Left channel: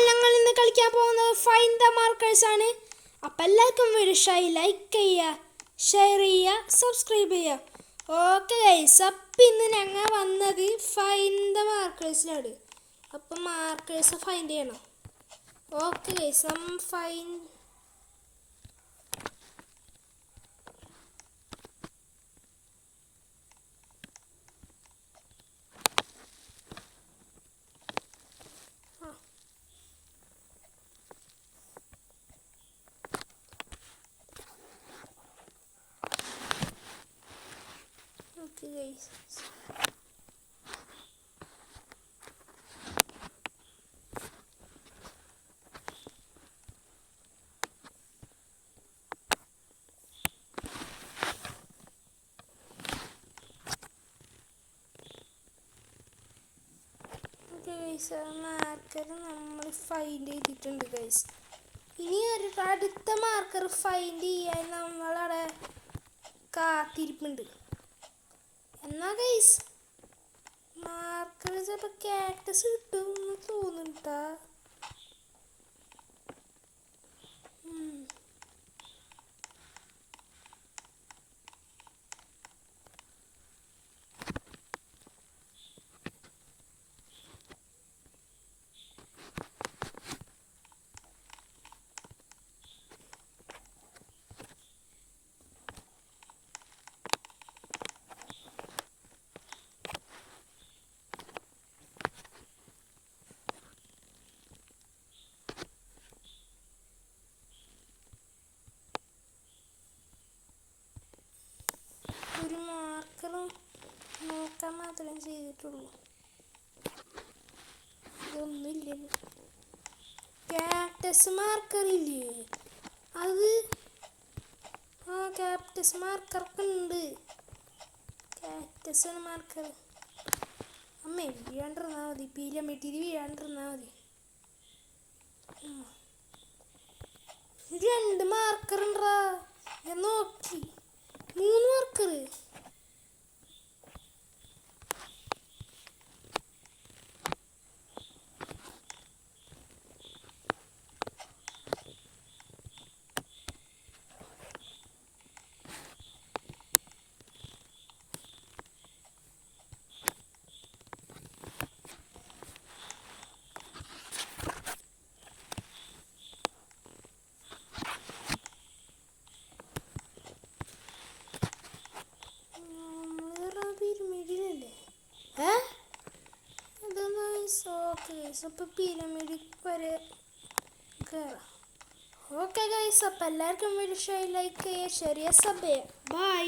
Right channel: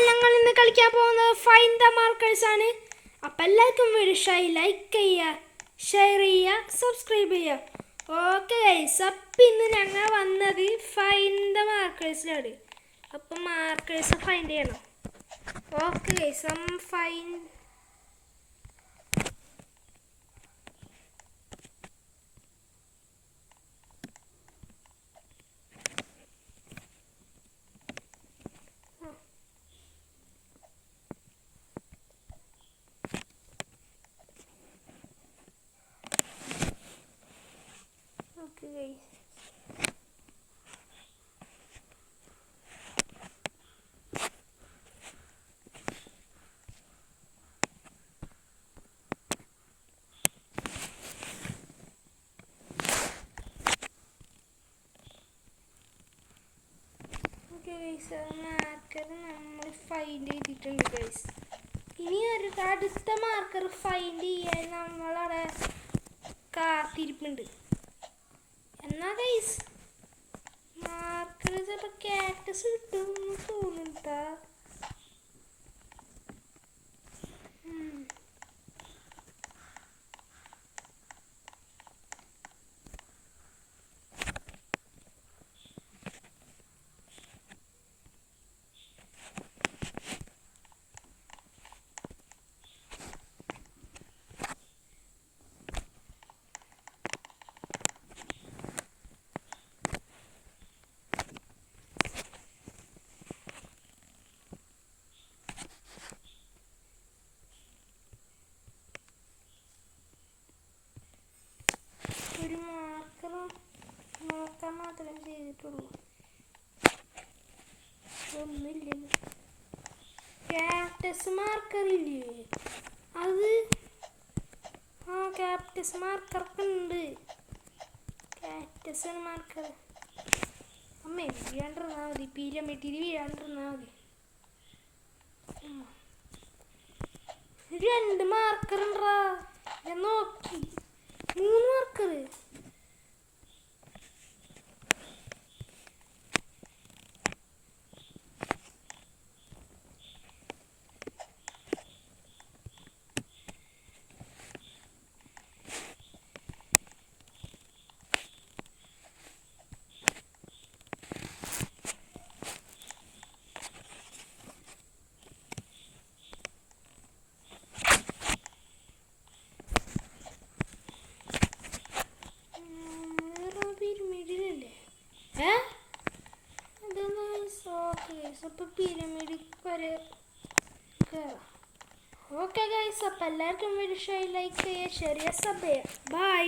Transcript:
അപ്പോൾ ഞങ്ങൾ ഇന്ന് കളിക്കാൻ പോകുന്നത് ഫൈൻഡ് ദ മാർക്കേഴ്സ് ആണ്. അപ്പോൾ എല്ലാവർക്കും വീഡിയോ ഇഷ്ടമായി ലൈക്ക് ചെയ്യുക, ഷെയർ ചെയ്യുക, സബ്സ്ക്രൈബ് ചെയ്യുക. ഓക്കെ ഗൈസ്, അപ്പം ഇന്ന് ഞങ്ങൾ വന്നത് ഫൈൻഡ് ദ മാർക്കേഴ്സിലാണ്. അപ്പം മാർക്കേഴ്സ് ഫൈൻഡ് ചെയ്യണം. Okay guys, find guys. Marker നമ്മൾ ഫൈൻഡ് ചെയ്തിട്ടുണ്ട് ഗൈസ്. ഇനി ഒരു അടുത്ത മാർക്കർ ഫൈൻഡ് ചെയ്യാൻ നമ്മളവിടെ കാത്തിരിപ്പുണ്ട്. എന്നാ ഗൈസ് മാർക്കർ ചിലപ്പോൾ കാക്ടസ് കിട്ടുമെന്ന് തോന്നുന്നുണ്ടാ. ഒരു മാർക്കറും നോക്കാൻ മാത്രമേ ചെയ്തിട്ടുള്ളൂ, ഒന്നുമില്ലല്ലോ. ക്യാപ്റ്റസ് മാർക്കർ ഇല്ലേ, അത് ക്യാപ്റ്റസ് മാർക്കറൊക്കെ ഉണ്ട്. ക്യാപ്റ്റസ് മാർക്കർ അമ്മ വീഴാണ്ടിരുന്നാൽ മതി, പീലമെട്ടിയിൽ വീഴാണ്ടിരുന്നാൽ മതി. 2 മാർക്കർ ഉണ്ടാ, ഞാൻ നോക്കി 3 മാർക്കർ. അപ്പോൾ പിരമിഡ് വരെ കയറാം. ഓക്കെ ഗൈസ്, അപ്പോൾ എല്ലാവർക്കും വീഡിയോ ഇഷ്ടമായി ലൈക്ക് ചെയ്യുക, ഷെയർ ചെയ്യുക, സബ് ചെയ്യുക. ബൈ.